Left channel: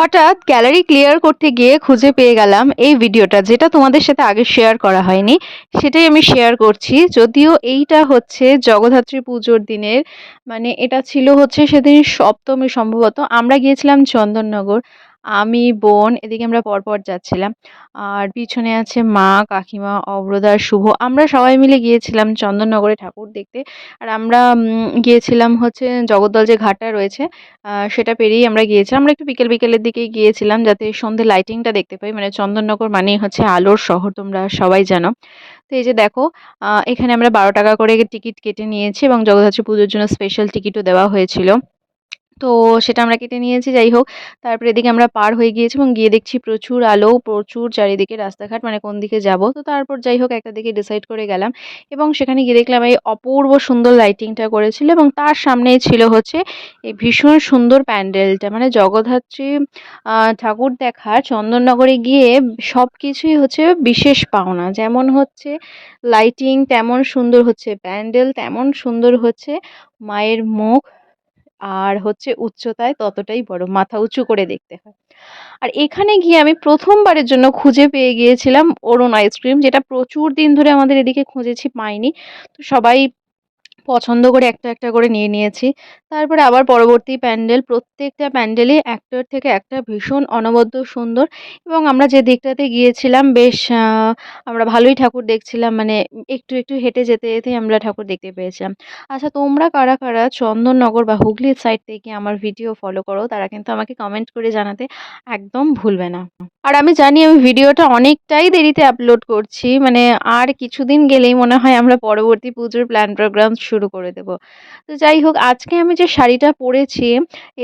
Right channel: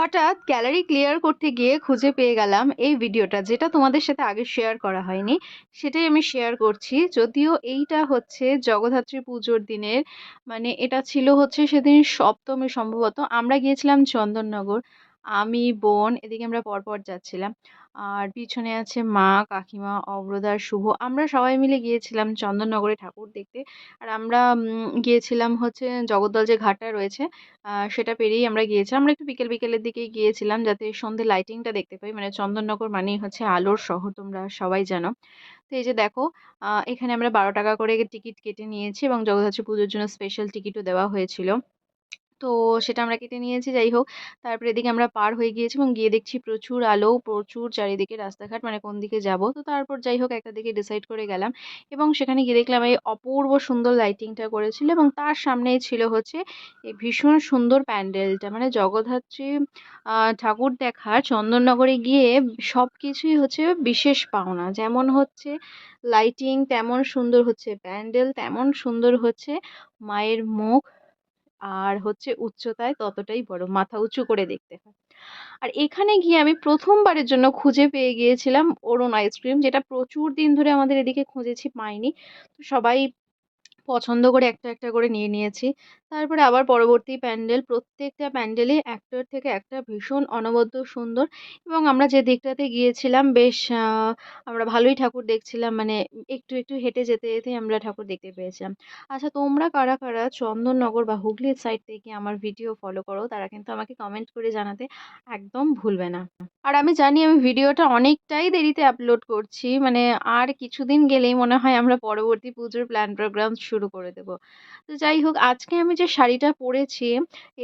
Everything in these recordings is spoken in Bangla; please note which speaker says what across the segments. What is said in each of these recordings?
Speaker 1: হঠাৎ গ্যালারি ক্লিয়ার করতে গিয়ে খুঁজে পেয়ে গেলাম এই ভিডিওটা, যেটা তোমাদের সাথে আগে শেয়ার করা হয়নি। সেটাই আমি শেয়ার করছি। যদিও এইটা হচ্ছে জগদ্ধাত্রী পুজোর দিনের মানে এটা ছিল হচ্ছে সেদিন সপ্তমী সম্ভবত। আমরা গিয়েছিলাম চন্দননগর। আমি, বোন, এদিকে আমরা পরপর যাচ্ছিলাম। আর পিছনে আছে মা, কাকিমা অব্রদা শুভ। আমরা সবাই মিলে গিয়েছিলাম চন্দননগরে ঠাকুর দেখতে। আর আমরা গিয়েছিলাম হচ্ছে জগদ্দল যে ঘাটটা রয়েছে সেটা পেরিয়েই আমরা গিয়েছিলাম। আমরা একটু বিকেল, বিকেলের দিকেই গিয়েছিলাম যাতে সন্ধে লাইটিংটা দেখতে পাই। মানে চন্দননগর মানেই হচ্ছে আলোর শহর, তোমরা সবাই জানো। তো এই যে দেখো এখানে আমরা বারো টাকা করে টিকিট কেটে নিয়েছি এবং জগদ্ধাত্রী পুজোর জন্য স্পেশাল টিকিটও দেওয়া হয়েছিল। তো সেটা আমরা কেটে নিয়েছি, যাই হোক। তারপরে এদিকে আমরা পার হয়ে গিয়েছি এবং গিয়ে দেখছি প্রচুর আলো, প্রচুর চারিদিকে রাস্তাঘাট মানে কোন দিকে যাব। তো তারপর যাই হোক, একটা দিকে ডিসাইড করে গেলাম এবং সেখানে গিয়ে দেখলাম এই অপূর্ব সুন্দর লাইটিংটা করেছিল এবং তার সামনেই ছিল হচ্ছে এই ভীষণ সুন্দর প্যান্ডেলটা। মানে জগদ্ধাত্রী ঠাকুর দেখা, চন্দননগরে গিয়ে সব কিছুই হচ্ছে বিশেষ পাওনা। যেমন হচ্ছে লাইটিং তেমন সুন্দর হচ্ছে প্যান্ডেল, তেমন সুন্দর হচ্ছে মায়ের মুখ। আর হচ্ছে উচ্চতায় ততটাই বড়, মাথা উঁচু করে দেখতে হয়। আর এখানে গিয়ে আমি প্রথমবারের জন্য খুঁজে পেয়ে গিয়েছিলাম অরুণ আইসক্রিম যেটা প্রচুর দিন ধরে আমাদের এদিকে খুঁজেছি, পাইনি। তো সবাই পছন্দ করে একটা একটা করে নিয়ে নিয়েছি। তারপরে আবার পরবর্তী প্যান্ডেল, প্রত্যেকটা প্যান্ডেলই একটার থেকে একটা ভীষণ অনবদ্য সুন্দর এবং আমরা যে দিকটাতে গিয়েছিলাম বেশ আমরা ভালোই ঠাকুর দেখছিলাম মানে একটু একটু হেঁটে যেতে যেতে আমরা ঠাকুর দেখতে পেয়েছিলাম। আচ্ছা তোমরা কারা কারা চন্দননগর বা হুগলির সাইড থেকে আমার ভিডিও ফলো করো, তারা কিন্তু আমাকে কমেন্ট করে জানাতে একদম ভুলবে না। আর আমি জানি আমি ভিডিওটা অনেকটাই দেরিতে আপলোড করছি মানে আর কিছুদিন গেলেই মনে হয় আমরা পরবর্তী পুজোর প্ল্যান প্রোগ্রাম শুরু করে দেব। তো যাই হোক, আজকে আমি যে শাড়িটা পরেছি,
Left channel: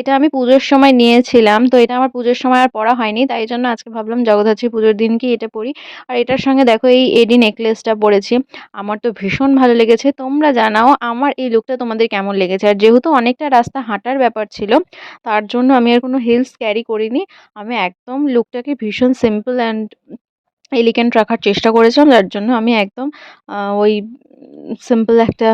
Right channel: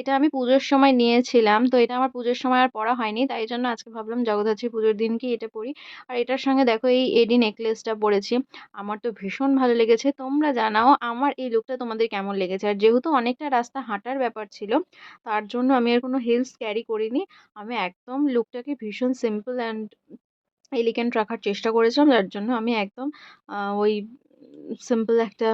Speaker 1: এটা আমি পুজোর সময় নিয়েছিলাম। তো এটা আমার পুজোর সময় আর পরা হয়নি। তাই জন্য আজকে ভাবলাম জগদ্ধাত্রী পুজোর দিন কি এটা পরি। আর এটার সঙ্গে দেখো এই এডি নেকলেসটা পরেছি। আমার তো ভীষণ ভালো লেগেছে। তোমরা জানাও আমার এই লুকটা তোমাদের কেমন লেগেছে। আর যেহেতু অনেকটা রাস্তা হাঁটার ব্যাপার ছিল, তার জন্য আমি আর কোনো হিলস ক্যারি করিনি। আমি একদম লুকটাকে ভীষণ সিম্পল অ্যান্ড এলিগেন্ট রাখার চেষ্টা করেছিলাম। যার জন্য আমি একদম ওই সিম্পল একটা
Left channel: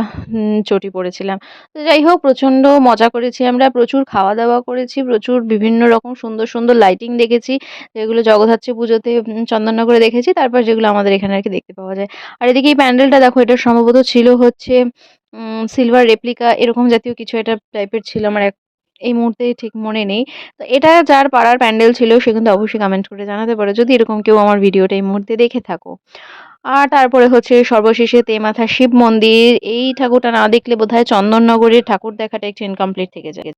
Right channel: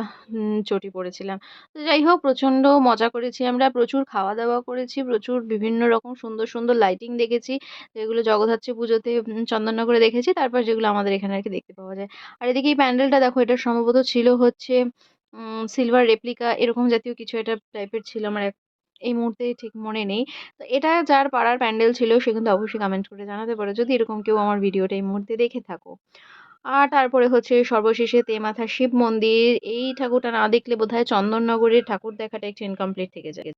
Speaker 1: চটি পরেছিলাম। তো যাই হোক, প্রচণ্ড মজা করেছি আমরা, প্রচুর খাওয়া দাওয়া করেছি, প্রচুর বিভিন্ন রকম সুন্দর সুন্দর লাইটিং দেখেছি, যেগুলো জগদ্ধাত্রী পুজোতে চন্দননগরে দেখেছি, তারপর যেগুলো আমাদের এখানে আর কি দেখতে পাওয়া যায়। আর এদিকে এই প্যান্ডেলটা দেখো, এটা সম্ভবত ছিল হচ্ছে সিলভার রেপ্লিকা এরকম জাতীয় কিছু একটা টাইপের ছিল, আমার এক, এই মুহূর্তে ঠিক মনে নেই। তো এটা যার পাড়ার প্যান্ডেল ছিল, সে কিন্তু অবশ্যই কমেন্ট করে জানাতে পারো, যদি এরকম কেউ আমার ভিডিওটা এই মুহূর্তে দেখে থাকো। আর তারপরে হচ্ছে সর্বশেষে তেমাথা শিব মন্দির। এই ঠাকুরটা না দেখলে বোধহয় চন্দননগরের ঠাকুর দেখাটা একটু ইনকমপ্লিট থেকে যায়।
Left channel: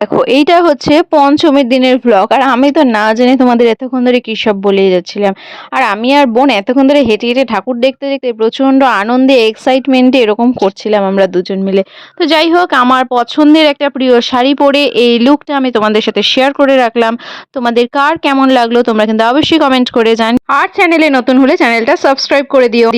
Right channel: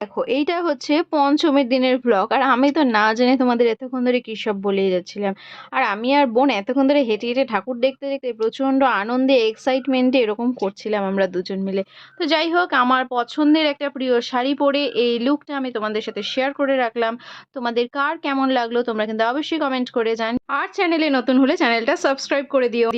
Speaker 1: দেখো, এইটা হচ্ছে পঞ্চমীর দিনের ব্লগ আর আমি তো না জানি তোমাদের এতক্ষণ ধরে কী সব বলেই যাচ্ছিলাম। আর আমি আর বোন এতক্ষণ ধরে হেঁটে হেঁটে ঠাকুর দেখতে দেখতে প্রচণ্ড আনন্দে এক্সাইটমেন্টে এরকম করছিলাম আমরা দুজন মিলে। তো যাই হোক, আমার পছন্দের একটা প্রিয় শাড়ি পরে এই লুকটা আমি তোমাদের সাথে শেয়ার করে রাখলাম। তোমাদের কার কেমন লাগল তোমরা কিন্তু অবশ্যই কমেন্ট করে জান আর চ্যানেলে নতুন হলে চ্যানেলটা সাবস্ক্রাইব করে দিও।